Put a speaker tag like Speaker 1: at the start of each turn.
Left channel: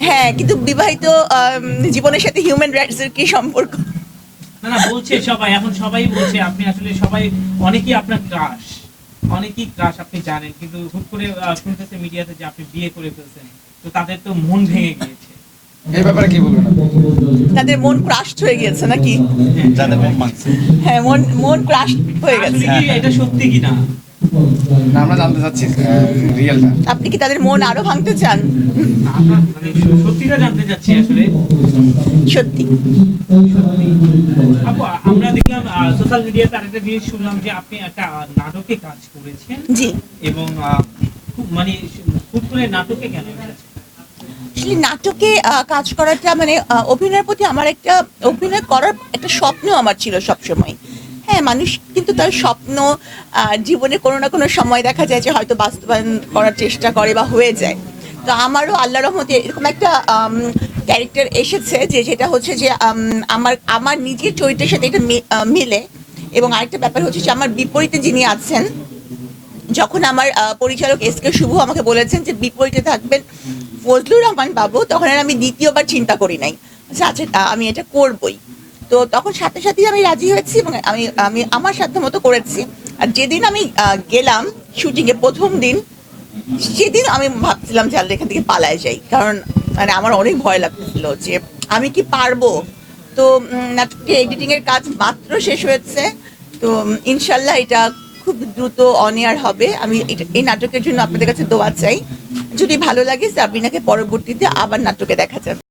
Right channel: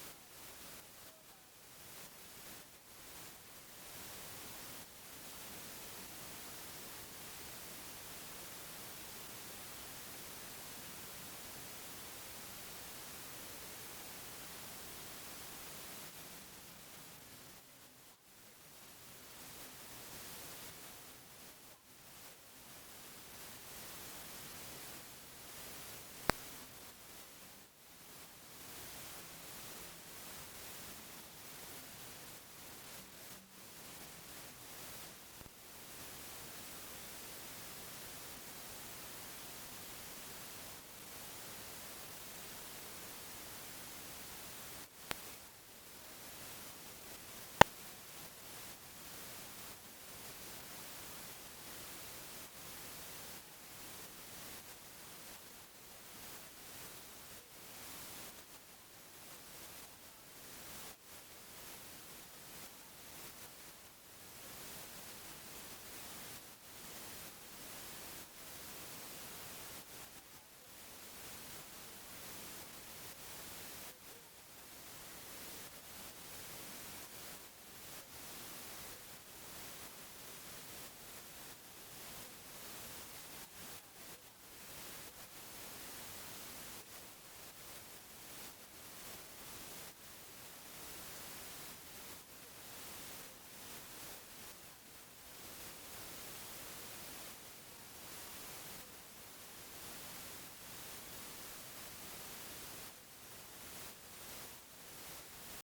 Speaker 1: হ্যাঁ কিন্তু বিবাহিত জীবনের সাথে হিউম্যান রাইটস এর কি সম্পর্ক?
Speaker 2: না না বলছে সবাই এখন সবাই বলছে আপনি আসলে সবাই অনেকেই আপনার ক্রাশ অনেকেই ক্রাশ আপনি জানেন কিন্তু হুট করে শুনতেছে মিডিয়াতে যে আপনি বিয়ে করে ফেলছেন তো তাদের তো মন ভেঙে গিয়েছে।
Speaker 3: এই ব্যাপারে কি বলবেন
Speaker 1: তাদের মন ক্রাশড হয়ে গেছে নাকি?
Speaker 4: যাদের মন মানছে
Speaker 1: হ্যাঁ মন মন ক্রাশড হয়ে গেছে।
Speaker 2: এটা সত্যি কিনা?
Speaker 3: না আমরা জানতে চাচ্ছি রিয়েলটা।
Speaker 1: আপনি কি তাদের মন আরও ভাঙতে চান?
Speaker 2: সত্যিটা জানতে চাচ্ছি আসলে।
Speaker 1: সত্যি।
Speaker 2: আমরা দেখলাম সোশ্যাল মিডিয়াতে আরেকটা জিনিস শুনলাম যে আপনি একটা নাটকে কাজ করেছেন।
Speaker 1: জি।
Speaker 2: এবং খুব মানে হুট করে নাটকে কেন
Speaker 1: আসলে নাটকে আহ, কাজ করাটা মানে অভিনয়ের প্রতি আমার একটা অভিনয় করার একটা স্বপ্ন আমার ছিল সবসময়। হ্যাঁ মানুষ কিন্তু তার স্বপ্ন জীবনে কোনো না কোনো সময় দেখা যায় যে হয়তো বাস্তবায়ন করার চেষ্টা করে বা হয়ে যায়। তো আমারও আল্লাহ রহমতে এরকম একটা ক্যারেক্টার এসেছে যে যেটা হচ্ছে যে আমার আমার নিজের চরিত্রের সাথে এটা মিলে। এবং আরেকটা ব্যাপার হচ্ছে যে আমার বিপরীতে যিনি আছেন, যখন আমার পরিচালক এস কে শুভ আমাকে বলেছেন যে বিপরীতে থাকবেন ফজলুর রহমান বাবু, তখন আর আমি দ্বিতীয়বার চিন্তা করি নাই। আচ্ছা আচ্ছা আমি এটা করবই। তো তখন সাথে সাথেই আমি রাজি হয়েছি এবং আমি আমি আমার সাধ্য মতো করেছি। আর যেদিন আমি গেলাম শুটিংয়ে প্রথম দিন, সেদিন আমি ভাবছিলাম যে এখান থেকে পালায় যাই। কারণ মানে আমার অনেক ভয় লাগতেছিল যে আমি কি পারব? তো নাটকটি এডিটিং এর কাজ মাত্র শেষ হয়েছে। তো ইনশাল্লাহ এটা খুব দ্রুত অন এয়ার হবে। আমি এই নাটকের জন্য আপনাদের কাছে দোয়া চাই। যদি ভালো লাগে সাবরিনাকে পরবর্তীতে আবার নাটকে দেখা যাবে।